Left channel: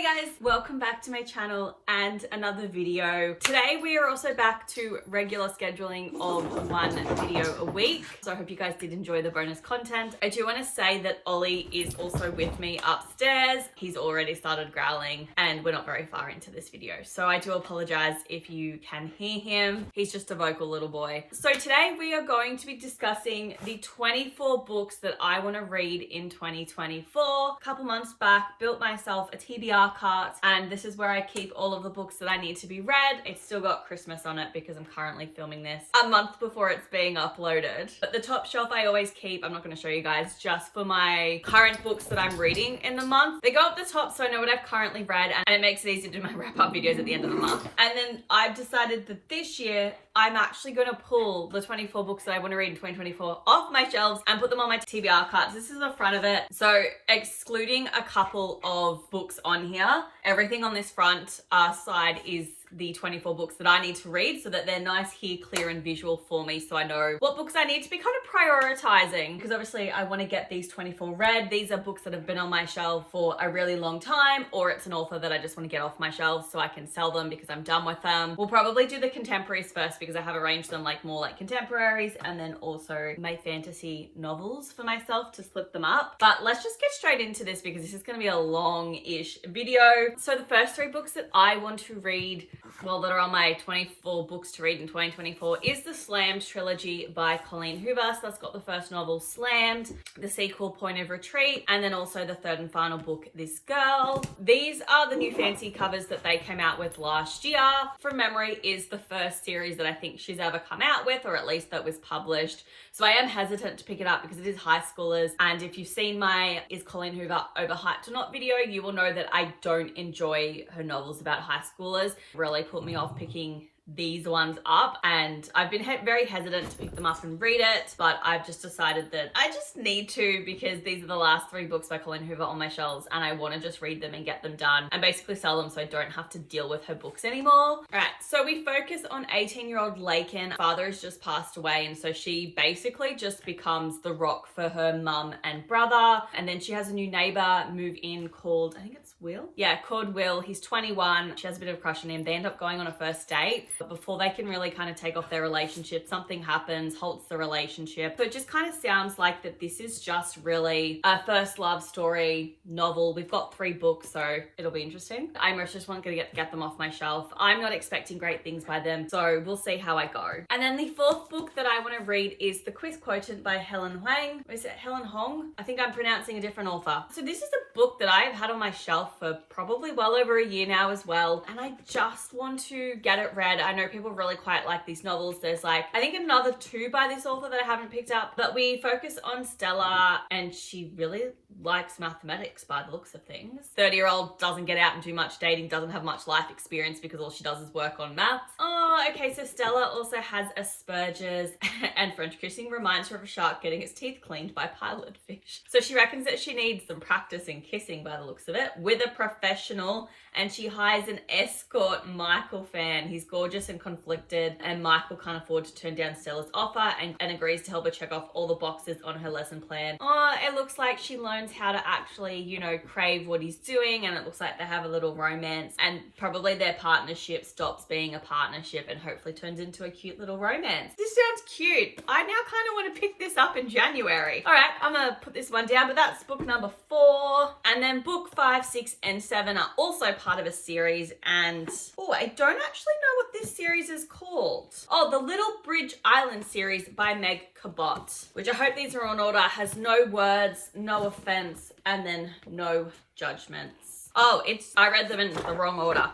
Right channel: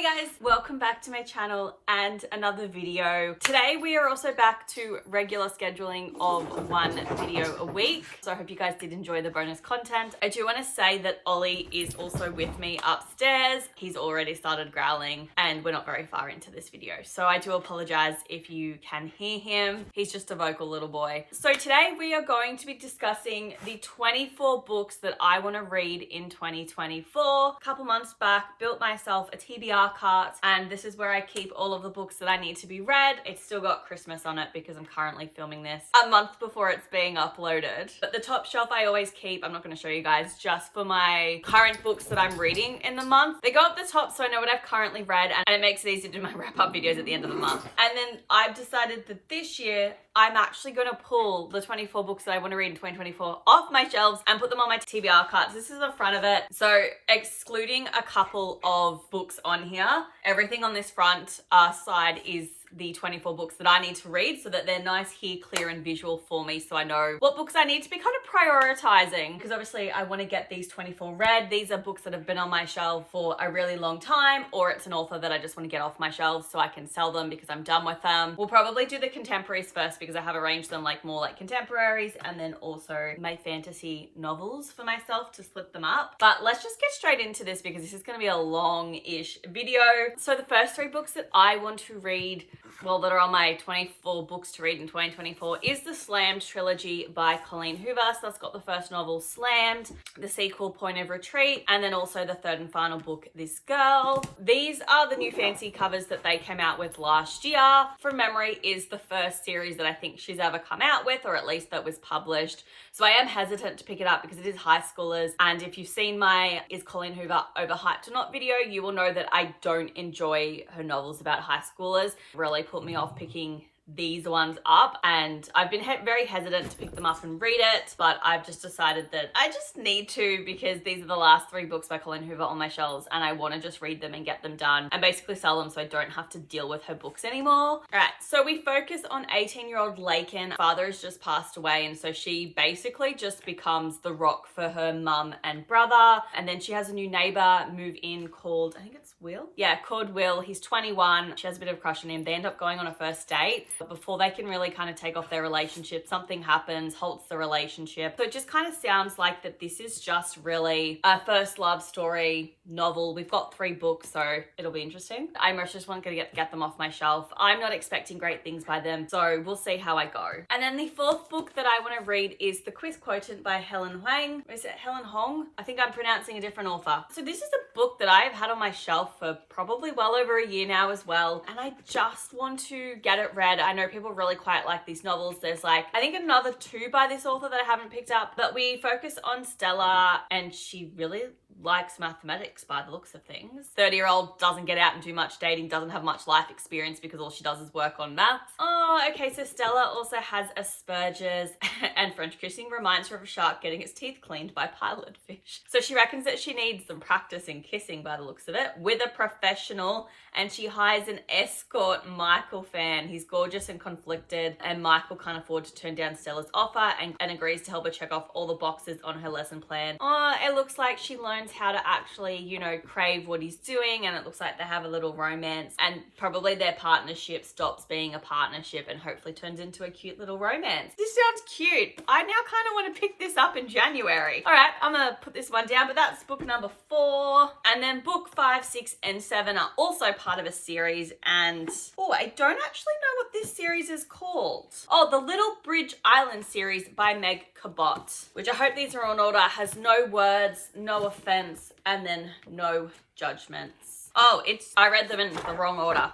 Hey guys, welcome back to my channel and another video. Today we are also back to regular scheduling of one video a week. So I hope you guys did enjoy the bonus content. I do want to say that Ollie is also with me upstairs. He's already started growling and we're not very far into this video. So I do apologize if you can hear him. He's just a vocal little boy. So today we are going to be discussing the 24 books that I want to read in 2024. A couple months back, built myself a TBR cart, and this is where I keep all of the books that I need to be read. It's still got Christmas on it because I'm currently filming this a month before it's being uploaded. But the top shelf I always keep, I'm not going to show you guys, just for my current books that I'm reading in the month. They go up the top so I know what I've currently read, and it makes it easy to do my wrap-up videos at the end of the month. And then I've decided that this year I'm actually going to pull the 24 books that I want to read in 2024 off my shelves and put them on my TBR cards. This is the front of it. So excluding a couple of books on here, everything on this front side is the 24 books that I need to read so that they're nice here, clear and visual for me, so I know what books I need to be kind of prioritizing, because obviously I want to get these 24 read. These are books that have been on my shelf for a really long time, or it's an author that I just want to get off my shelves so I can sell them because I'm done with them. We'll probably do the contemporaries first because I have arranged them like more like contemporaries, and then also my fantasy novels for myself to split them up. But let's just get straight into this because this is going to be a long-ish video. So the first three books that I want to read, well, that are on my 24 books to read in 2024 is the Slammed trilogy by Colleen Hoover. So that's got the first novel, Slammed, the sequel, Point of Retreat, and then also the third and final book, This Girl. These are the new fancy covers that they came out with last year. From memory is the first series that I think she's ever come out with, or at least that was published. So I am hesitant to pick it up because it is high schoolers. And if you've seen my Is Colleen Hoover Overhyped or Not video, you will know that I don't enjoy her novels about high schoolers. Really put me off picking these ones up, and I've been very hesitant to pick them up and read it, but I've just decided that I just need to because these are the last three books by Colleen Hoover on my shelves and I want to just read them and get them done and basically sell them so I don't have to deal with her books anymore. All right, so we focus on 18-year-old Lakin. Father has just passed away, and so she basically just becomes the rock for her mum and brother, and then she has a new neighbor move in called, I think it's Will? Yeah, called Will. He's 21. She has a bit of a crush on him. They end up going on a first date, but before they can really kind of take off their relationship, something happens, halts the relationship. So it just kind of sounds like that this is just really a first love story novel. We've got 3 books, so it'll be interesting. I just want to get them off my shelf. I'm not expecting great things by them, so we'll see how I go. And then the fourth book that I want to read is The Quiz Quotient by Helen Huang. Is it Helen Hong? I think I'm pronouncing a different author. So this is a book that I've had on my shelf for probably well over a year now as well, and I just want to get it read. I know people really quite like these novels. There's like, I think another 2 by this author that I haven't picked up, but we focus on Stella, and she really likes mathematics by the looks of things. 30-year-old doesn't get out and do much dating, doesn't have much life experience because all she does is work on maths. Oh, okay, so Stella also has Asperger's and French kissing reminds her of a shark getting its teeth cleaned by pilot fish. So she reckons that she needs some practice in kissing by the looks of it with a professional, and she hires an escort, Michael Fan. He's gorgeous and conflicted, and Michael can't afford to turn down Stella's offer and agrees to help her check off all the boxes on her lesson plan. Oh, it looks like she learns how to actually, you know, crave what he's doing, and it looks like they have a little romance, and probably their partnership stops being a partnership and hopefully turns into a cute little romance. This sounds cute. I now kind of want to pick this up in January. All right, I'm gonna put this one down, but that's book number 4. And then book 5, 6, and 7 are also part of a series, and oh, I don't actually know what this series is called. Oh, the Little Bridge Island series by Meg Cabot, which I hope these are on order, has no words, no offense, and then no judgments. Oh, I read them in the wrong order.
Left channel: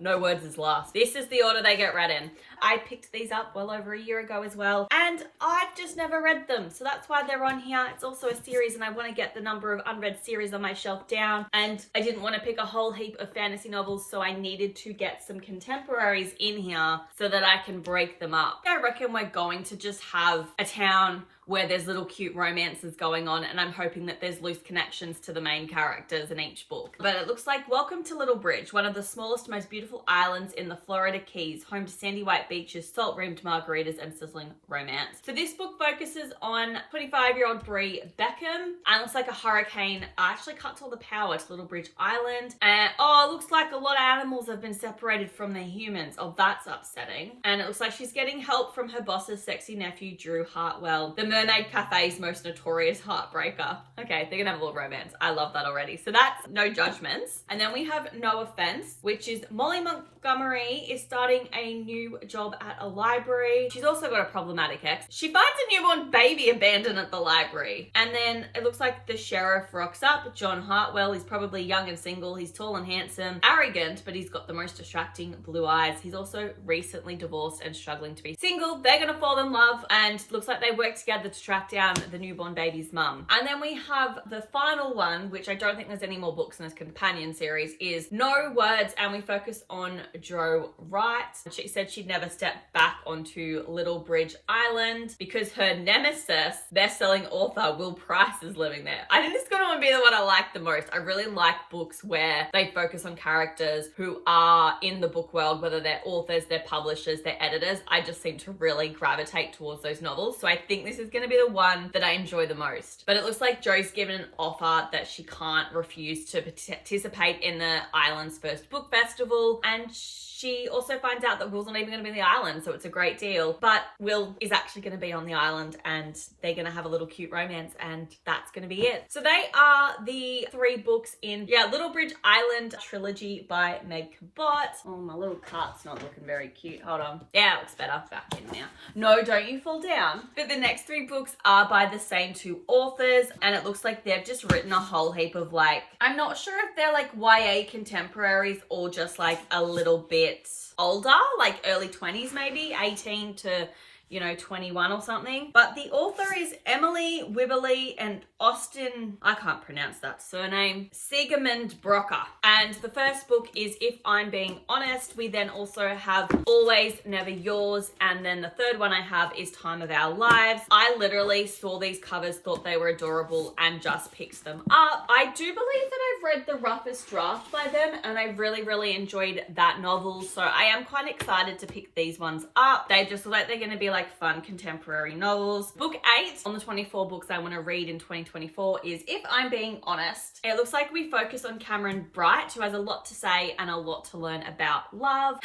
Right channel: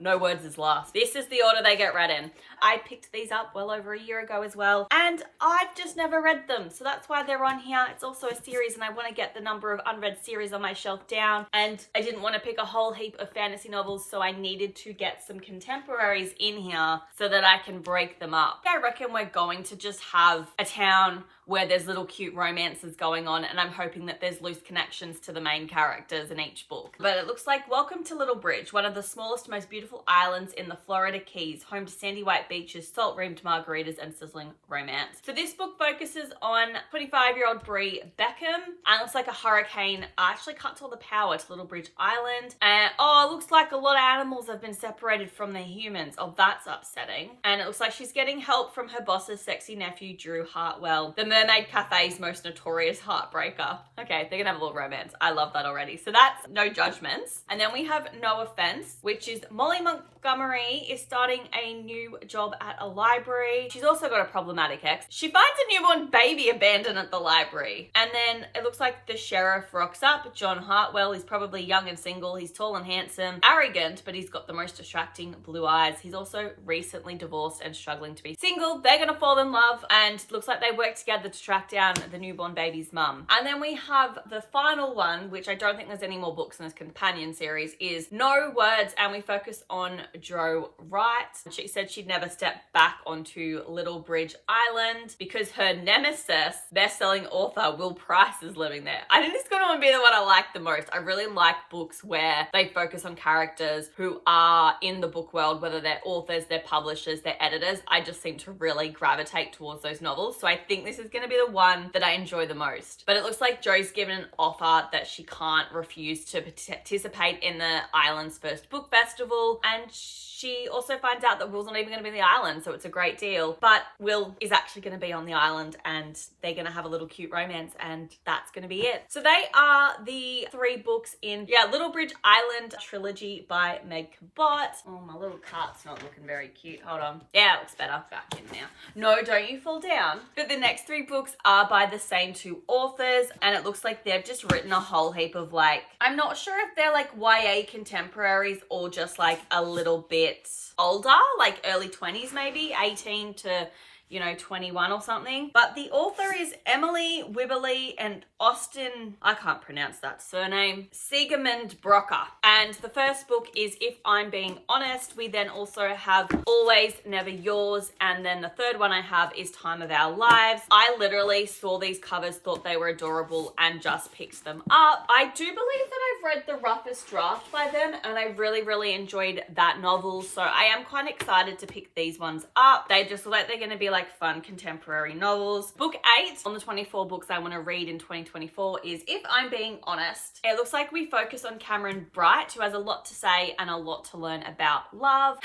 No words is last. This is the order they get read in. I picked these up well over a year ago as well, and I've just never read them, so that's why they're on here. It's also a series, and I want to get the number of unread series on my shelf down, and I didn't want to pick a whole heap of fantasy novels, so I needed to get some contemporaries in here so that I can break them up. I reckon we're going to just have a town where there's little cute romances going on, and I'm hoping that there's loose connections to the main characters in each book. But it looks like Welcome to Little Bridge, one of the smallest, most beautiful islands in the Florida Keys, home to sandy white beaches, salt-rimmed margaritas, and sizzling romance. So this book focuses on 25-year-old Brie Beckham, and it looks like a hurricane actually cuts all the power to Little Bridge Island. And it looks like a lot of animals have been separated from their humans. Oh, that's upsetting. And it looks like she's getting help from her boss's sexy nephew, Drew Hartwell, the Mermaid Cafe's most notorious heartbreaker. Okay, they're gonna have a little romance. I love that already. So that's no judgments. And then we have No Offense, which is Molly Montgomery is starting a new job at a library. She's also got a problematic ex. She finds a newborn baby abandoned at the library. And then it looks like the sheriff rocks up. John Hartwell is probably young and single. He's tall and handsome, arrogant, but he's got the most distracting blue eyes. He's also recently divorced and struggling to be single. They're gonna fall in love, and looks like they work together to track down the newborn baby's mum. And then we have the final one, which I don't think there's any more books in this companion series, is No Words, and we focus on Jo Wright. She said she'd never step back onto Little Bridge Island because her nemesis, best-selling author Will Price, is living there. I think this is going to be the one I like the most. I really like books where they focus on characters who are in the book world, whether they're authors, they're publishers, they're editors. I just seem to really gravitate towards those novels. So I think this is going to be the one that I enjoy the most. But it looks like Jo's given an offer that she can't refuse to participate in the island's first book festival, and she also finds out that Will's not even going to be on the island, so it's a great deal. But Will is actually going to be on the island, and they're going to have a little cute romance, and that's going to be it. So they are the 3 books in, Little Bridge Island trilogy by Meg Cabot. Oh, my little cart's not looking very cute. Hold on. Yeah, it looks better. Back in now. No, don't you fall down. But the next 3 books are by the same 2 authors, and it looks like they've just written a whole heap of I'm not sure if they're YA contemporaries or just a little bit older, early 20s maybe, 18 to 21 or something. But the author is Emily Wibberley and Austin, I can't pronounce that surname, Siegemund Brocker. And the first book is If I'm Being Honest. We then also have Always Never Yours. And then the third one I have is Time of Our Lives. I literally saw these covers, thought they were adorable, and just picked them up. I do believe that I've read The Roughest Draft by them, and I really, really enjoyed that novel. So I am quite excited to pick these ones up. They just look like they're going to be fun contemporary novels. Book 8 on the 24 books I want to read in 2024 is If I'm Being Honest. It looks like we focus on Cameron Bright, who has a lot to say and a lot to learn about love.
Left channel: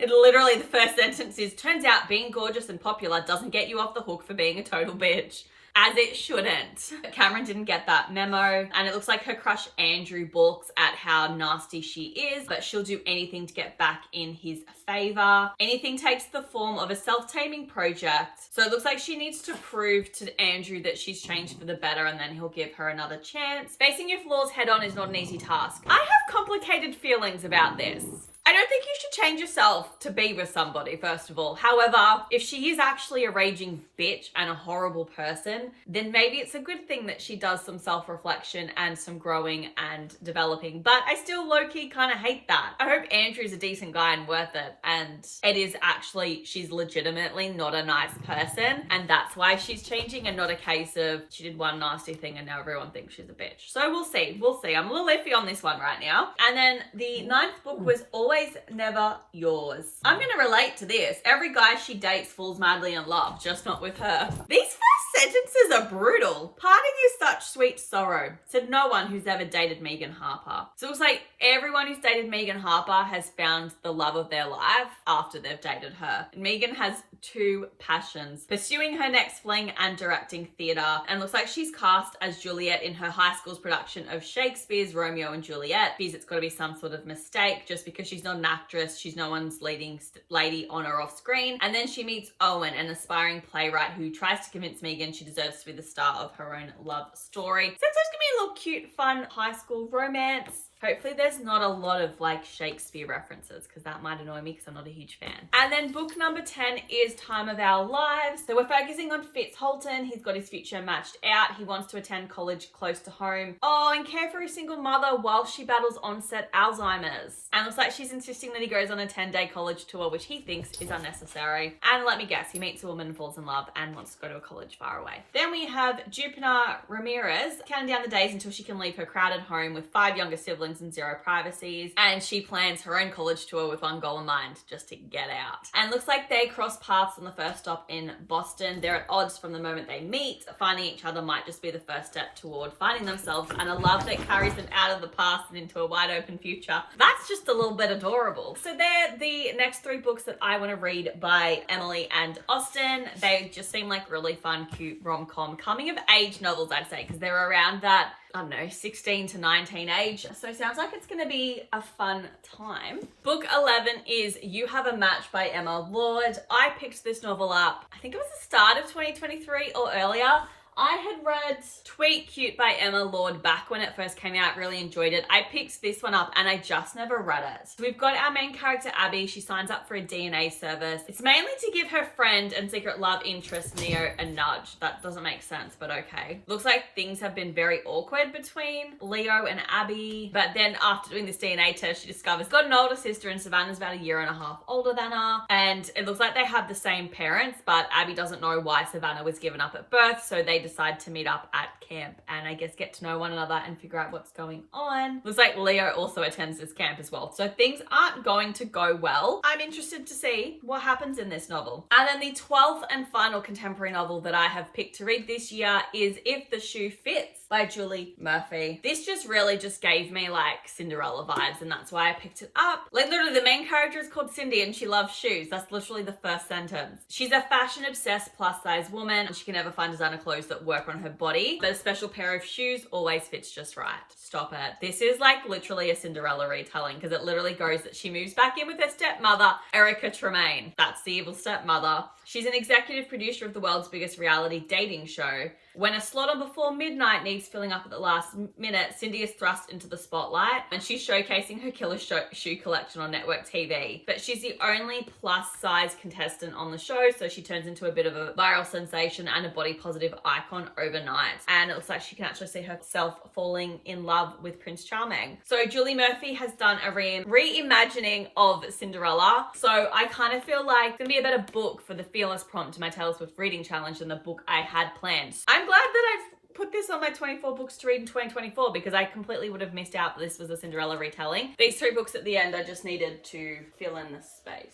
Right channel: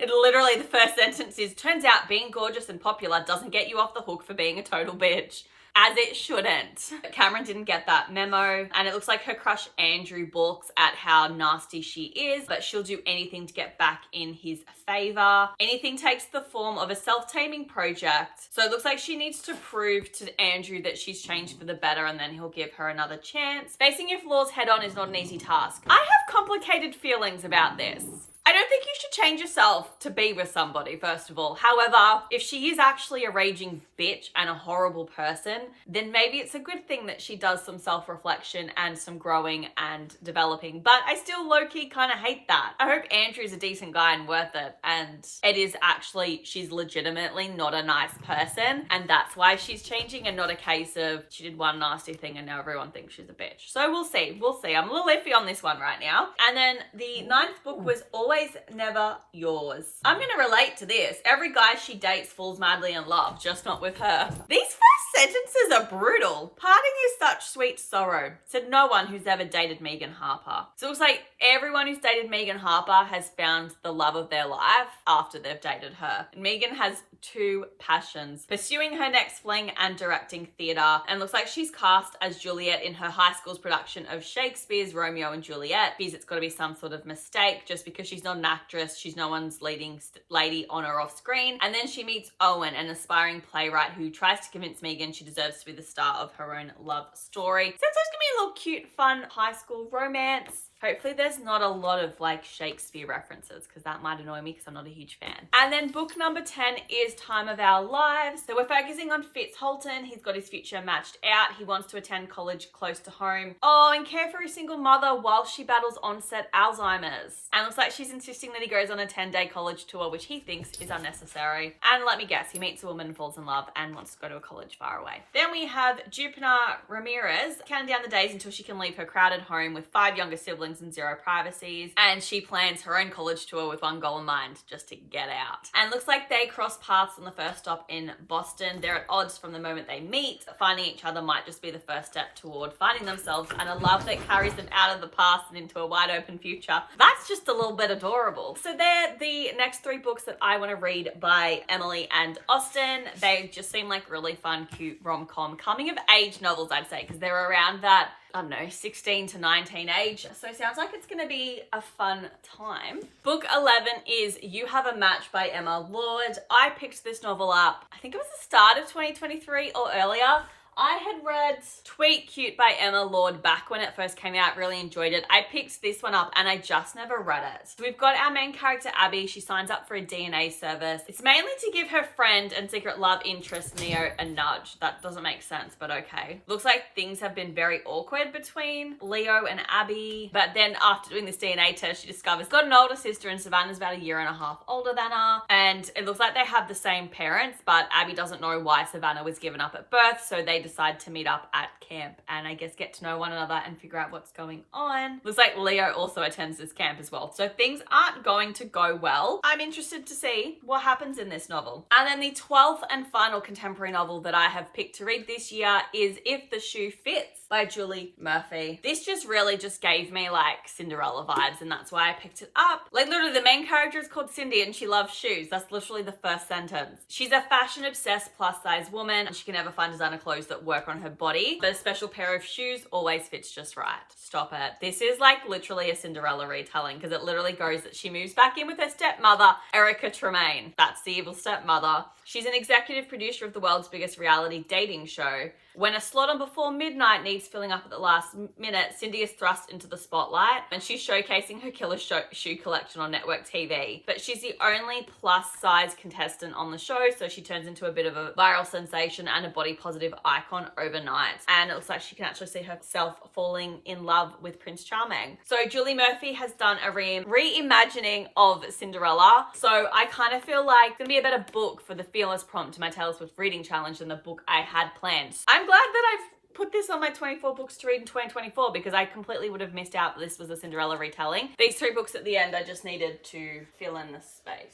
Literally the first sentence is, turns out being gorgeous and popular doesn't get you off the hook for being a total bitch. As it shouldn't. Cameron didn't get that memo, and it looks like her crush Andrew balks at how nasty she is, but she'll do anything to get back in his favor. Anything takes the form of a self-taming project, so it looks like she needs to prove to Andrew that she's changed for the better, and then he'll give her another chance. Facing your flaws head-on is not an easy task. I have complicated feelings about this. I don't think you should change yourself to be with somebody, first of all. However, if she is actually a raging bitch and a horrible person, then maybe it's a good thing that she does some self-reflection and some growing and developing. But I still low-key kind of hate that. I hope Andrew's a decent guy and worth it. And it is actually, she's legitimately not a nice person. And that's why she's changing, and not a case of she did one nasty thing and now everyone thinks she's a bitch. So we'll see. We'll see. I'm a little iffy on this one right now. And then the 9th book was Always Never Yours. I'm going to relate to this. Every guy she dates falls madly in love, just not with her. These first sentences are brutal. Parting is such sweet sorrow, said no one who's ever dated Megan Harper. So it was like everyone who's dated Megan Harper has found the love of their life after they've dated her. And Megan has 2 passions, pursuing her next fling and directing theatre, and looks like she's cast as Juliet in her high school's production of Shakespeare's Romeo and Juliet, because it's got to be some sort of mistake just because she's not an actress, she's no one's leading lady on or off screen. And then she meets Owen, an aspiring playwright who tries to convince Megan she deserves to be the star of her own love story. So it's just gonna be a little cute, fun high school romance. Hopefully there's not a lot of like Shakespeare references because that might annoy me because I'm not a huge fan. And then book number 10 is Time of Our Lives. So we're focusing on Fitz Holton. He's got his future matched out. He wants to attend college close to home. Oh, and care for a single mother while she battles onset Alzheimer's. And looks like she's insisting that he goes on a 10-day college tour, which he thinks is unnecessary. And let me guess, he meets a woman, falls in love, and wants to go to a college far away. Then we have Jupiter Ramirez, counting down the days until she can leave her crowded home with 5 younger siblings and 0 privacies, and she plans her own college tour with one goal in mind, just to get out. And looks like they cross paths on the first stop in Boston. They're at odds from the moment they meet. Finding each other might just be the first step toward finding themselves, and a love that carries them out of the past and into a wide open future. That's just a little bit adorable. So they're the next 3 books that I want to read by Emily and Austen. They just seem like really fun, cute rom-com coming of age novels, I'd say, because they're around that, I don't know, 16 to 19 age. So it sounds like it's going to be a fun time. Book 11 is You Have a Match by Emma Lord. I picked this novel up, I think it was the start of 2023 or earlier. I had read Tweet Cute by Emma Lord back when it first came out, really enjoyed it. I picked this one up and I just never read it. So we've got our main character, Abby. She signs up for a DNA service. It's mainly to give her friend and secret love interest, Neo, a nudge. That doesn't make sense, but okay. Looks like things have been very awkward between Leo and Abby. But then after doing this DNA test, she discovers she's got an older sister and Savannah's about 1.5 years older than her. And it looks like they have the same parents, but Abby doesn't know why Savannah was given up at birth, so they decide to meet up at camp and I guess get to know one another and figure out what's going on. Looks like Leo also attends this camp as well. So things aren't going to go well. I'm interested to see what happens in this novel. And then the 12th and final contemporary novel that I have picked to read this year is If the Shoe Fits by Julie Murphy. This just really just gave me like Cinderella vibes, and that's why I picked it up. Like literally the main character is called Cindy and she loves shoes. That's literally the first sentence. She's a fashion obsessed plus size woman and she can never find designer clothes that work on her body, but a special pair of shoes always fits just right. Stop it. This is like literally a Cinderella retelling because it literally goes that she moves back in with her stepmother, Erica Tremaine. That's the evil stepmother. She's an executive producer of the world's biggest reality dating show. When a slot on Before Midnight needs filling up at the last minute, Cindy is thrust into the spotlight and she's showcasing her killer shoe collection on network TV. But she's the only plus size contestant on the show, so she turns into a bit of a viral sensation and a body positive icon overnight. And it looks like she can actually see herself falling in love with Prince Charming. So Julie Murphy has done a reimagining of Cinderella. So I kind of feel like it's gonna be a better book for the Fearless prompt to my Taylor Swift reading challenge than the book I had planned. I'm glad that I've put this on my 24 books to read in 2024 because I completely would have missed out that this was a Cinderella retelling. These 3 books at the end, I just needed to fill in the space.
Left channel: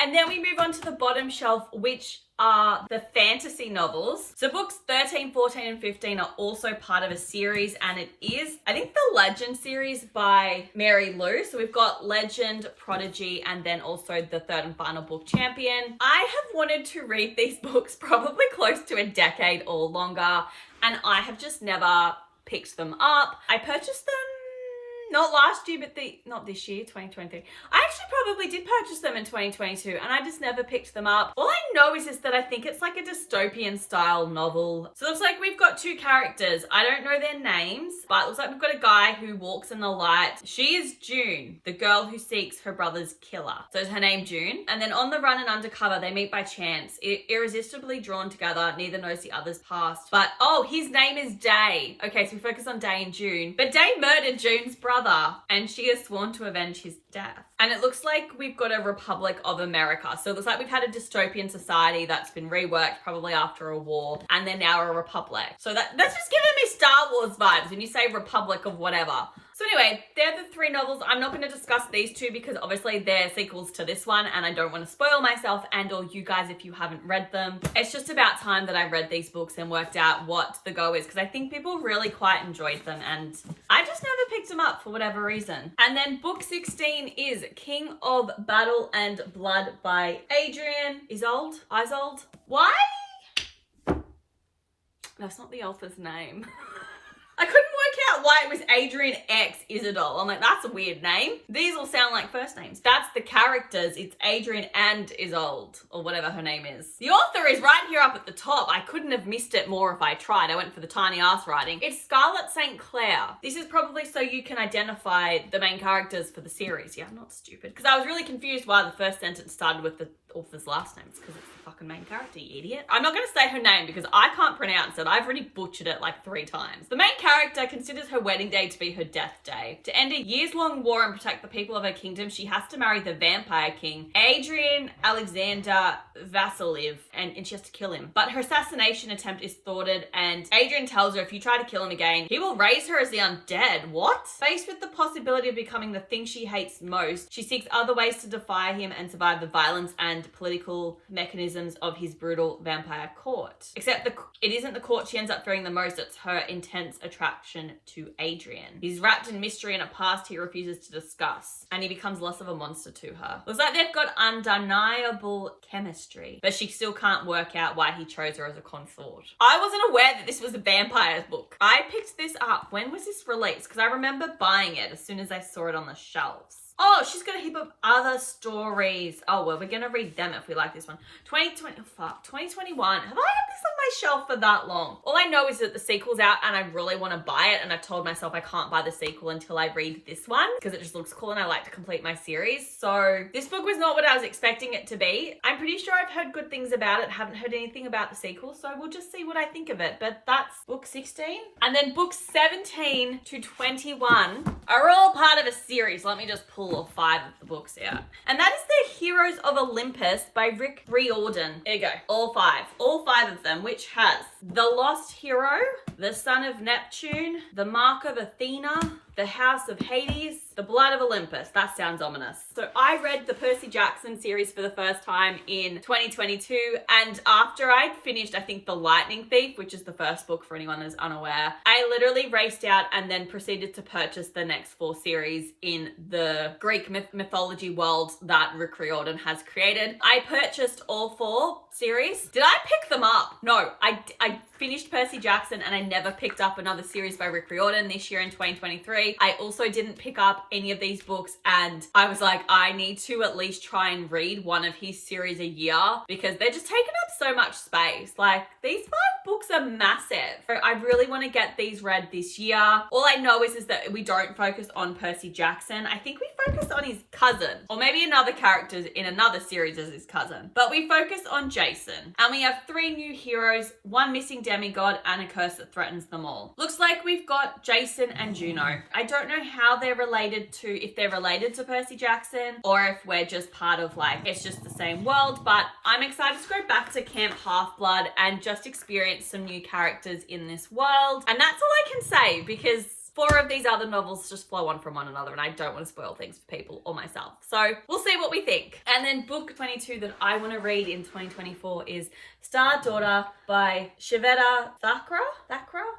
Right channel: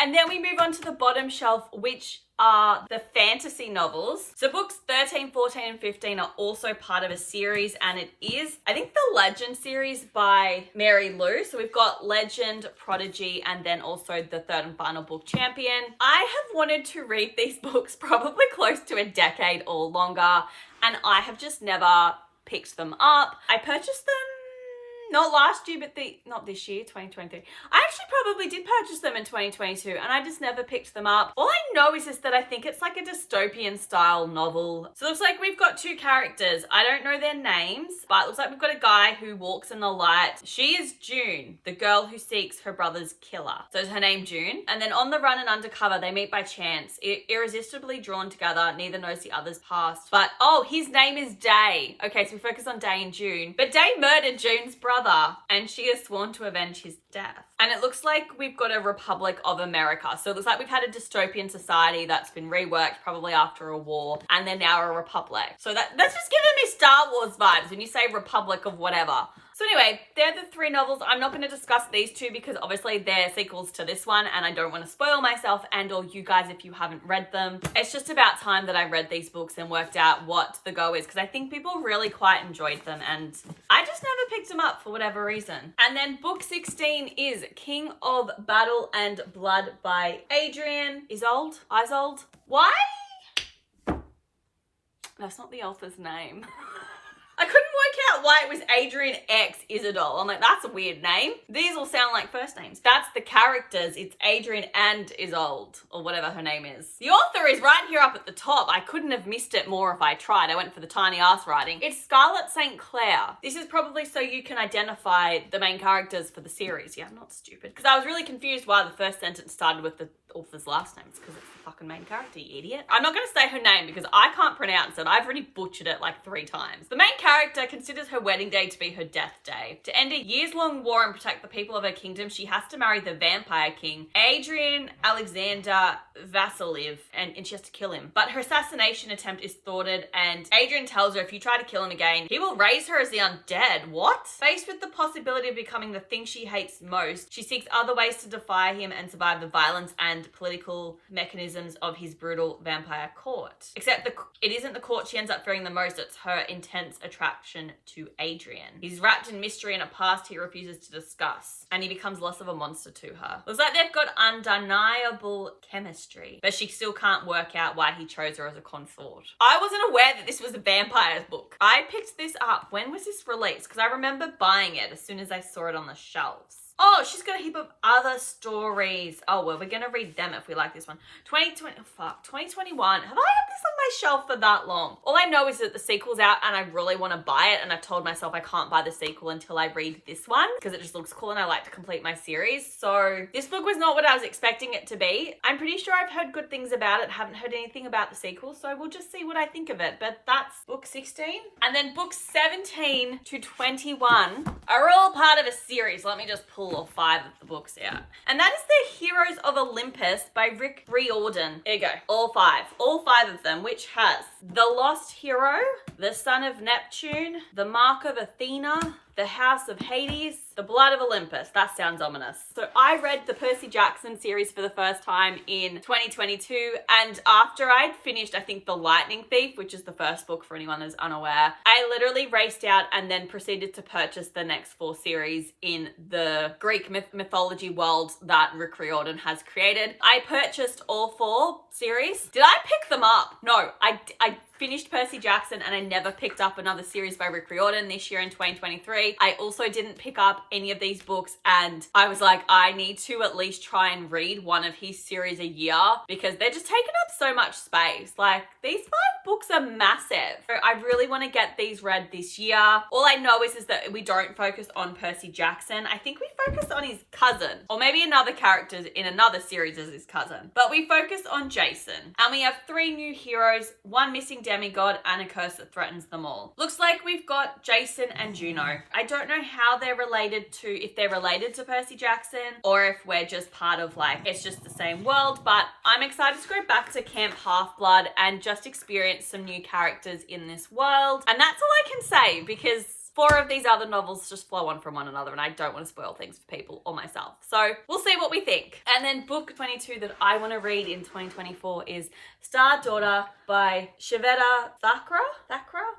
And then we move on to the bottom shelf, which are the fantasy novels. So books 13, 14, and 15 are also part of a series, and it is, I think, the Legend series by Mary Lou. So we've got Legend, Prodigy, and then also the 3rd and final book, Champion. I have wanted to read these books probably close to a decade or longer, and I have just never picked them up. I purchased them not last year, but not this year, 2023. I actually probably did purchase them in 2022 and I just never picked them up. All I know is that I think it's like a dystopian style novel. So it looks like we've got 2 characters. I don't know their names, but it looks like we've got a guy who walks in the light. She is June, the girl who seeks her brother's killer. So is her name June? And then on the run and undercover, they meet by chance. Irresistibly drawn together, neither knows the other's past. But, oh, his name is Day. Okay, so we focus on Day and June. But Day murdered June's brother and she is sworn to avenge his death. And it looks like we've got a Republic of America. So it looks like we've had a dystopian society that's been reworked probably after a war, and they're now a republic. So that's just giving me Star Wars vibes when you say Republic of whatever. So anyway, they're the 3 novels. I'm not going to discuss these 2 because obviously they're sequels to this one and I don't want to spoil myself and or you guys if you haven't read them. It's just about time that I read these books and worked out what the go is because I think people really quite enjoyed them and I just never picked them up for whatever reason. And then book 16 is King of Battle and Blood by Adrian Isolde. Why? That's not the author's name. I couldn't work out why it was Adrian X Isidol. I'm like, that's a weird name. These all sound like first names. That's the characters. It's Adrian and Isolde, or whatever her name is. The author is right here up at the top. I couldn't have missed it more if I tried. I went for the tiny ass writing. It's Scarlett St. Clair. This is probably so you can identify the main characters for the series. Yeah, I'm not stupid. Because I was really confused why the first sentence started with the author's last name. It's because it's the fucking main character, you idiot. I'm not going to say her name because I can't pronounce it. I've already butchered it like 3 times. The main character considers her wedding day to be her death day. To end a years-long war and protect the people of her kingdom, she has to marry the vampire king, Adrian Alexander Vassiliev, and she has to kill him. But her assassination attempt is thwarted, and Adrian tells her if you try to kill him again, he will raise her as the undead. What? Faced with the possibility of becoming the thing she hates most, she seeks other ways to defy him and survive the violence and political mechanisms of his brutal vampire court. Except it isn't the court she ends up fearing the most, it's her intense attraction to Adrian. He's wrapped in mystery and a past he refuses to discuss, and he becomes less of a monster to her. Looks like they've got undeniable chemistry, but she still can't work out why he chose her as a consort. I wasn't aware that this was a vampires book. I picked this up. When was this released? Because I remember buying it as soon as I saw it on the shelves. Oh, she's got a heap of other stories. Oh, well, we're going to read them if we like this one. 2021. Have I had this on my shelf for that long? All I know is that the sequel's out and I really want to buy it. And I've told myself I can't buy the sequel until I read this one because it just looks cool and I like to complete my series. So this book was not what I was expecting it to be. I'm pretty sure I've heard good things about it. Haven't heard anything about the sequel. So we'll just see what I think of it. But that's book 16. And then books 17 to 21 are all part of a series. Let me just pull all 5 of the books out. And that is the Heroes of Olympus by Rick Riordan. There you go. All 5 of them, which has The Lost Hero, The Son of Neptune, The Mark of Athena, The House of Hades, The Blood of Olympus. That sounds ominous. So I read the Percy Jackson series for the first time in 2022, and after I'd finished, I think, The Lightning Thief, which is the first book for anyone who's unaware, I literally raced out and then proceeded to purchase the next 4 series in the Greek mythology world that Rick Riordan has created. I purchased all 4 series. Did I pick them up? No, I finished Percy Jackson and I never picked up another series by Rick Riordan this year in 2023. I also didn't pick up any of these books, and I was like, I need to at least try and read one of his series a year because they're just taking up so much space. Like, these 5 books are massive. So I really want to get these read this year. All I know is that we don't focus on Percy Jackson. I think we focus on his cousin, or maybe another character in another series as his cousin. But we focus on Jason, and we have 3 new heroes, 1 missing demigod, and a curse that threatens them all. Looks like we've got Jason and Juno. I don't know how they're related to, if they're related to Percy Jackson, or if we're just part of, like, it's just the same world, but I'm excited to go back to Camp Half-Blood and just experience some new characters in this world. And that's all I can say, because 4 of these other novels just flow on from one another, and I don't want to spoil things for people or myself. So we'll see what we think. And then book 22 that I want to read in 2024 is Star Daughter by Shveta Thakra.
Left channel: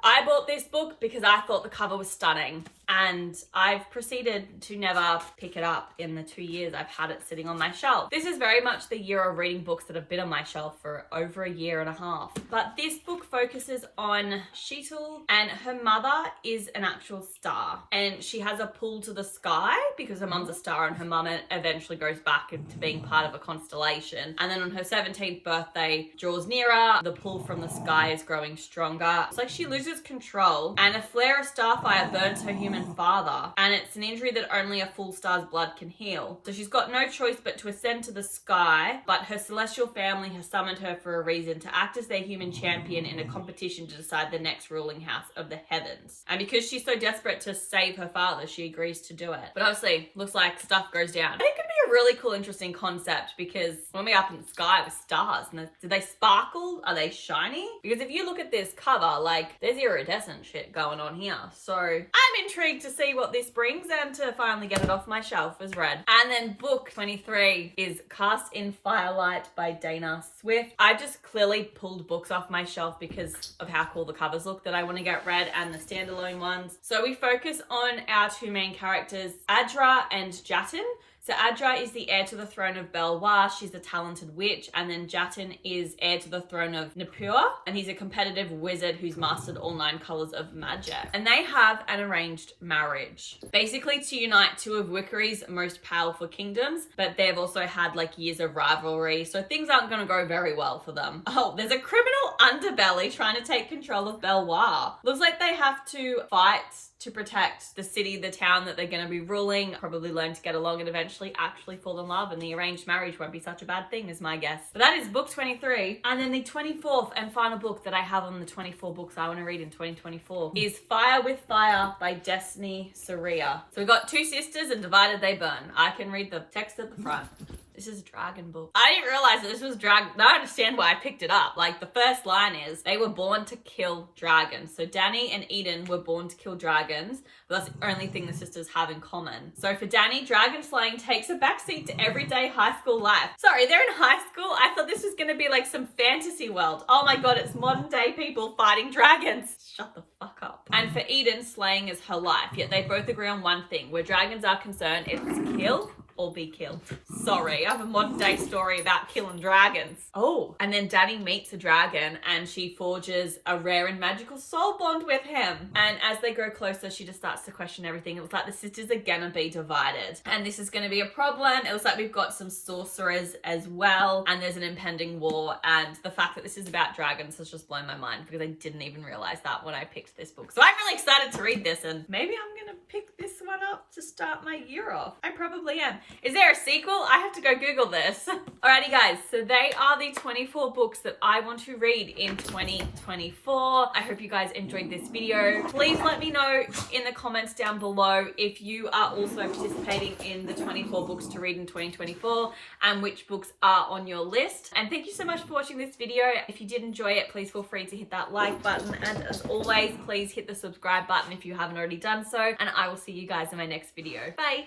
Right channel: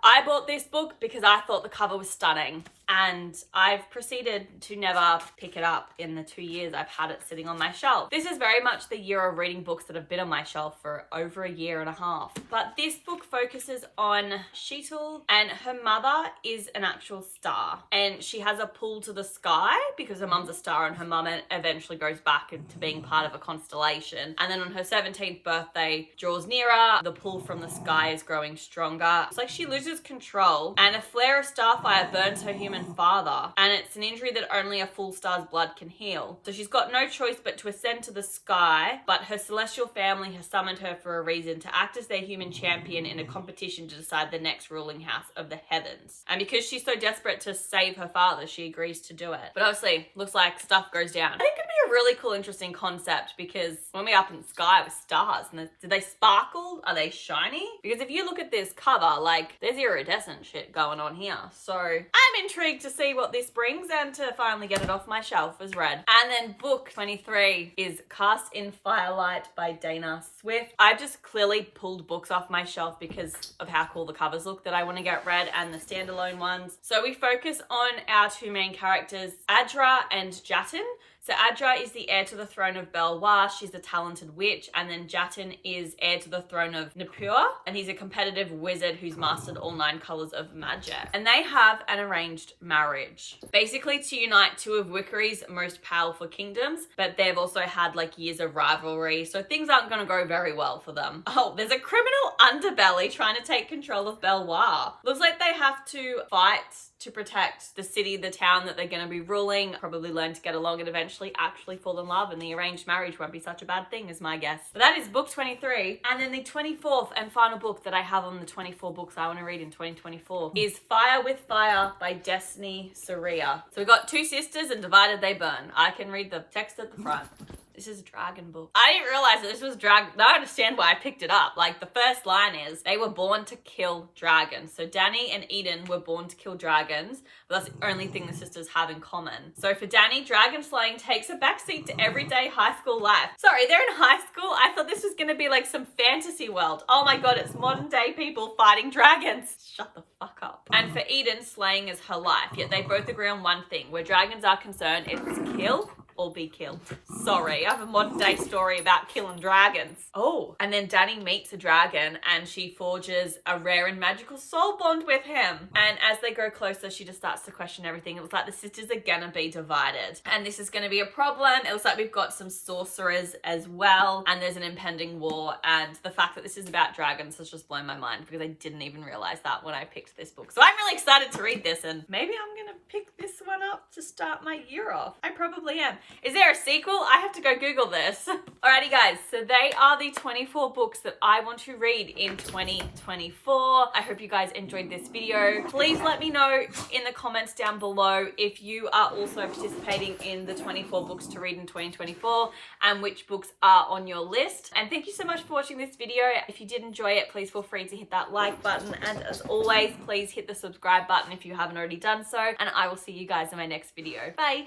I bought this book because I thought the cover was stunning, and I've proceeded to never pick it up in the 2 years I've had it sitting on my shelf. This is very much the year of reading books that have been on my shelf for over a year and a half. But this book focuses on Sheetal, and her mother is an actual star, and she has a pull to the sky because her mum's a star, and her mum eventually goes back into being part of a constellation. And then on her 17th birthday draws nearer, the pull from the sky is growing stronger. It's like she loses control, and a flare of starfire burns her human father, and it's an injury that only a full star's blood can heal. So she's got no choice but to ascend to the sky, but her celestial family has summoned her for a reason, to act as their human champion in a competition to decide the next ruling house of the heavens. And because she's so desperate to save her father, she agrees to do it. But obviously, looks like stuff goes down. I think it'd be a really cool, interesting concept, because when we're up in the sky with stars, and do they sparkle? Are they shiny? Because if you look at this cover, like, there's iridescent shit going on here. So I'm intrigued to see what this brings and to finally get it off my shelf as read. And then book 23 is Cast in Firelight by Dana Swift. I just clearly pulled books off my shelf because of how cool the covers look that I want to get read, and the standalone ones. So we focus on our 2 main characters, Adra and Jatin. So Adra is the heir to the throne of Belwa. She's a talented witch. And then Jatin is heir to the throne of Nippur. And he's a competitive wizard who's mastered all 9 colors of magic. And they have an arranged marriage, basically to unite 2 of Wickery's most powerful kingdoms. But they've also had like years of rivalry. So things aren't going to go very well for them. Oh, there's a criminal underbelly trying to take control of Belwa. Looks like they have to fight to protect the city, the town that they're going to be ruling, probably learn to get along and eventually actually fall in love, and the arranged marriage won't be such a bad thing is my guess. But that is book 23. And then the 24th and final book that I have on the 24 books I want to read in 2024 is Fire with Fire by Destiny Saria. So we've got 2 sisters and divided they burn. I can read the text at the front. This is a dragon book. I didn't realize that this was dragon. Now I understand why I picked it up. Like, the first line is, they were born to kill dragons. So Danny and Eden were born to kill dragons, but that's the only thing the sisters have in common. So for Danny, dragon slaying takes a backseat to everyday high school life. Sorry, they're in high school? I thought this was going to be like some fantasy world. Oh my god, it's modern day people fighting dragons. Shut the fuck up. And for Eden, slaying is her life. Yet they both agree on one thing. Where dragons are concerned, it's kill or be killed. Sorry, I have a modern day story about killing dragons. Oh, and then Danny meets a dragon and she forges a rare and magical soul bond with him. And as they grow closer, she just starts to question everything. It looks like the sisters are gonna be divided. And this is gonna be a problem. It looks like we've got some sorcerers as well. And there's an impending war. And the fact that this is about dragons has just blown my mind because I didn't even realize that when I picked this book. So I'm really excited to read this, and maybe I'm gonna pick this one up to start my year off. I probably am. Is there a sequel? I have to go Google this. Alrighty guys, so they are the 24 books that I want to read in 2024. I hope you guys enjoyed this video. Please let me know in the comments down below if you are also participating in the 24 books to read in 2024 and which books are on your list. And thank you so much for watching this video. If you did enjoy it, please feel free to hit that like button. And as always, please hit the subscribe button if you haven't already done so. And I will see you guys in my next video. Bye.